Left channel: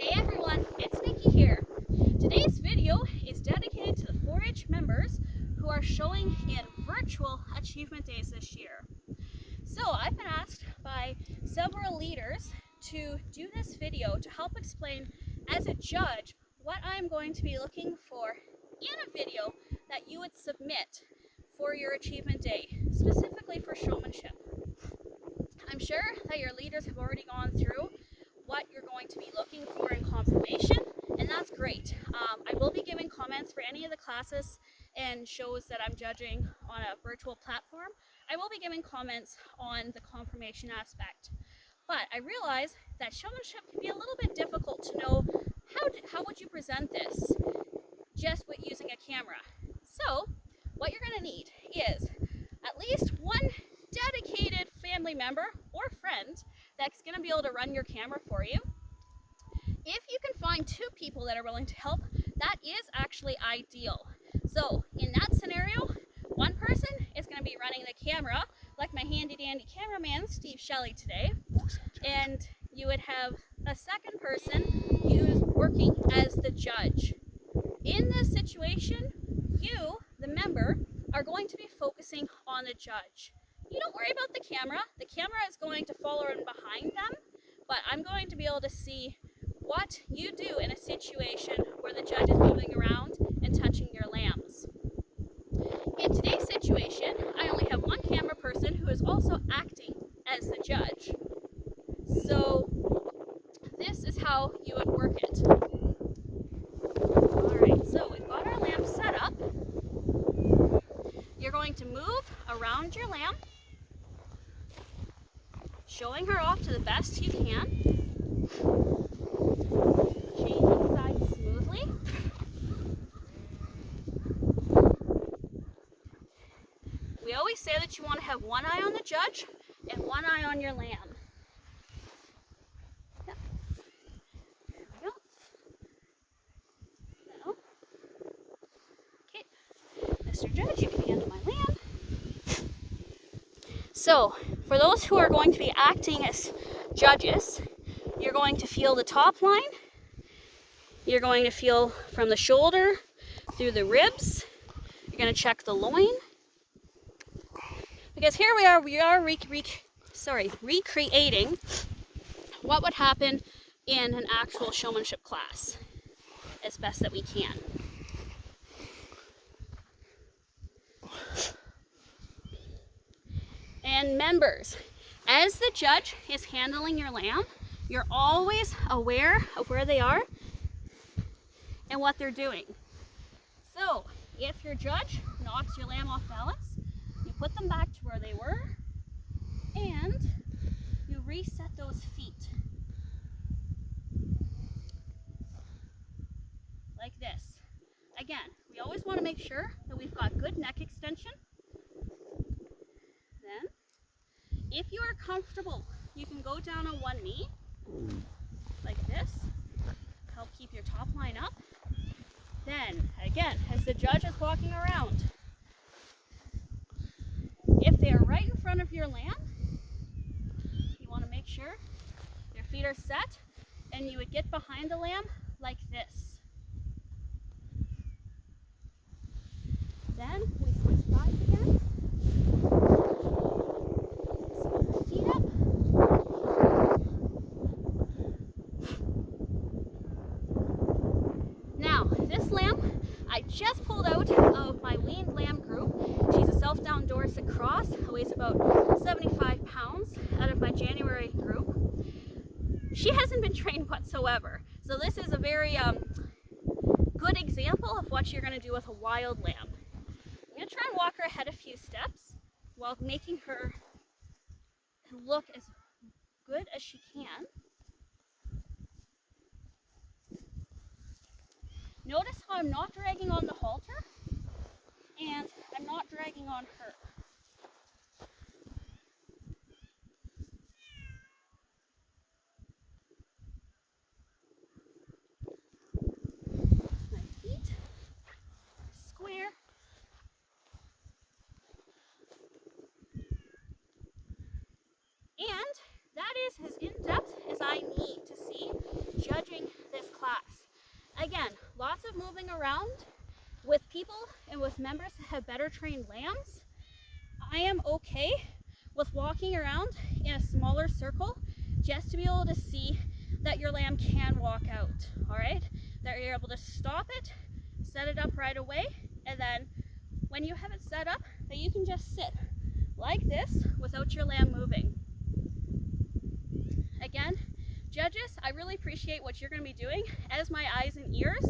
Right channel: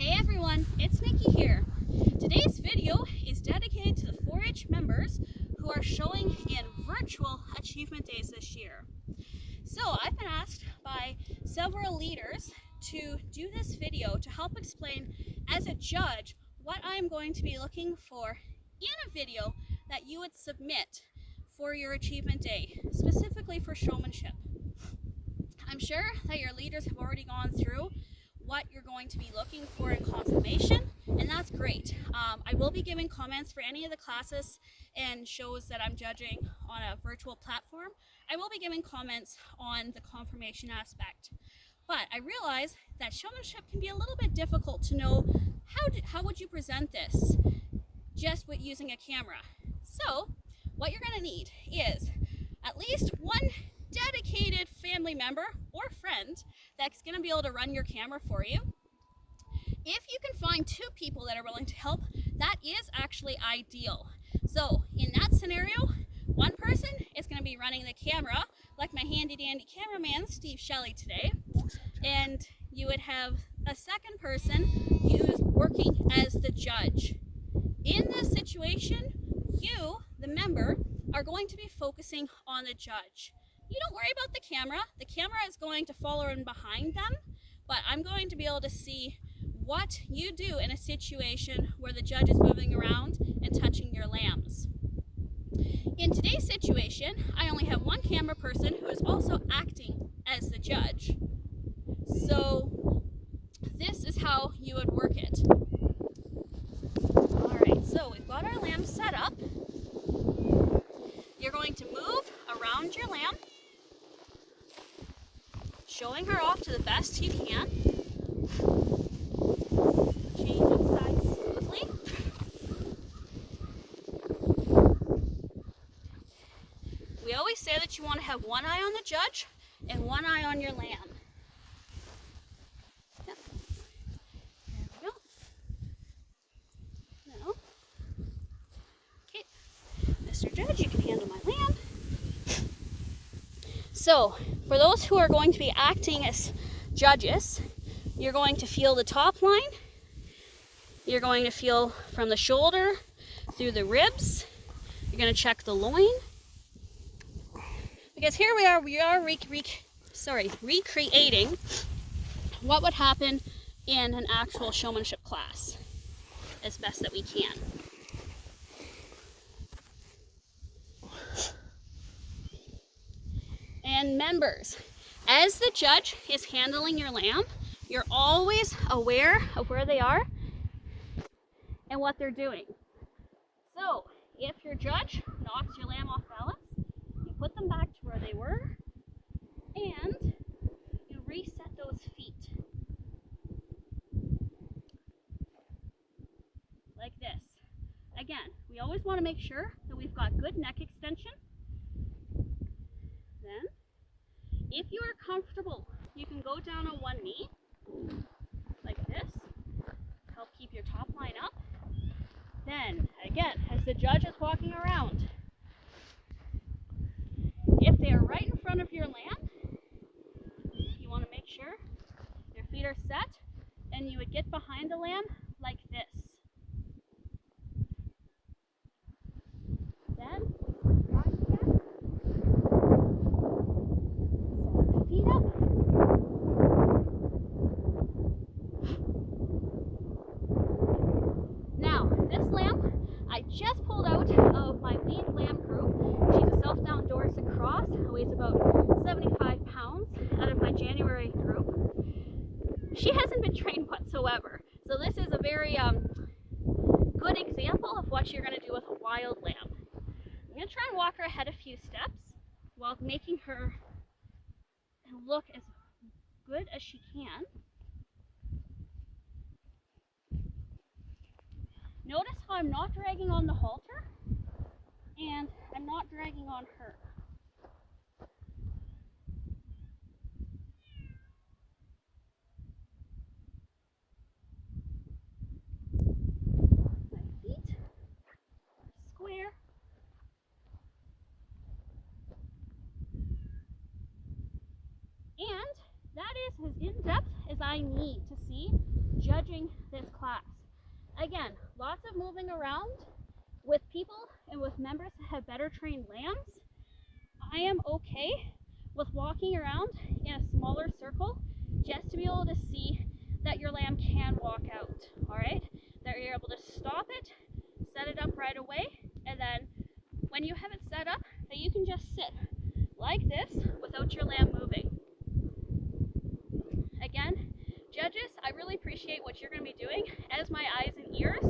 Hey everyone, it's Nikki here. Today's video is dedicated to the 4-H members who are showing in virtual achievement days this year. So I've been asked by several leaders to do this video to help explain as a judge what I'm going to be looking for in a video that you would submit for your achievement day, specifically for showmanship. I'm sure that your leaders have already gone through what you're going to be looking for in confirmation, and that's great. I will be giving comments for any of the classes and shows that I'm judging on a virtual platform. I will be giving comments on the confirmation aspect. But I realize that showmanship can be a little bit difficult to know how would you present this just with using a camera. So what you're going to need is at least one dedicated family member or friend that's going to be able to run your camera for you. If you can find 2 people that are willing to help, that is actually ideal. So in that scenario, one person is going to be running the camera, like my handy dandy cameraman Steve Shelley today, and you would have a second person who's working as the judge. In this situation, you, the member, are going to be focusing on the judge. You don't worry about the camera. The camera is going to follow in behind them, but I'm going to be able to see what you do in a situation where the judge is moving around and touching your lambs. In today's situation, I only have one camera person who is also acting as the judge. So this is how you would work it. Alright, so we've got our lamb set up. You're going to move around your lamb, showing her off to the best you can. Changing sides smoothly. We always say that you want to have one eye on the judge and one eye on your lamb. Yep. There we go. Now, okay, Mr. Judge, you can handle my lamb. So, for those who are going to be acting as judges, you're going to feel the top line. You're going to feel from the shoulder through the ribs. You're going to check the loin. Because here we are recreating what would happen in an actual showmanship class as best that we can. And members, as the judge is handling your lamb, you're always aware of where they are and what they're doing. So if your judge knocks your lamb off balance, you put them back to where they were and you reset those feet. Like this. Again, we always want to make sure that we've got good neck extension. Then, if you are comfortable, you can go down on one knee, like this, help keep your top line up. Then, again, as the judge is walking around, if they are right in front of your lamb, you want to make sure your feet are set, and you would get behind the lamb like this. Then, we switch sides again. Feet up. Now, this lamb I just pulled out of my weaned lamb group. She's a self-down Dorset cross, weighs about 75 pounds, out of my January group. She hasn't been trained whatsoever, so this is a very good example of what you're going to do with a wild lamb. I'm going to try and walk her ahead a few steps while making her look as good as she can. Notice how I'm not dragging on the halter and I'm not dragging on her. My feet are square. And that is as in-depth as I need to see judging this Again, lots of moving around with people and with members that have better trained lambs. I am okay with walking around in a smaller circle just to be able to see that your lamb can walk out, all right? That you're able to stop it, set it up right away, and then when you have it set up, that you can just sit like this without your lamb moving. Again, judges, I really appreciate what you're going to be doing as my eyes and ears.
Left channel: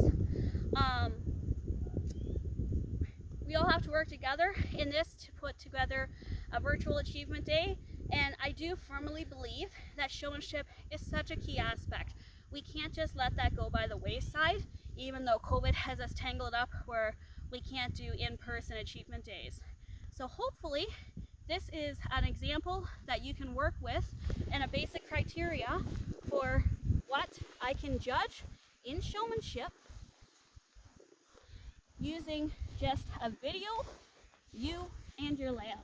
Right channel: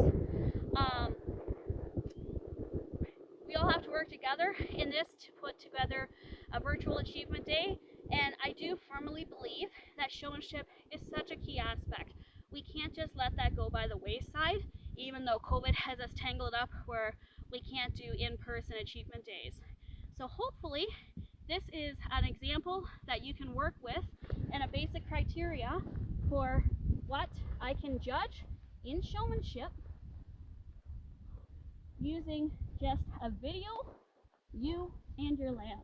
We all have to work together in this to put together a virtual achievement day, and I do firmly believe that showmanship is such a key aspect. We can't just let that go by the wayside, even though COVID has us tangled up where we can't do in-person achievement days. So hopefully this is an example that you can work with and a basic criteria for what I can judge in showmanship using just a video, you and your lamb.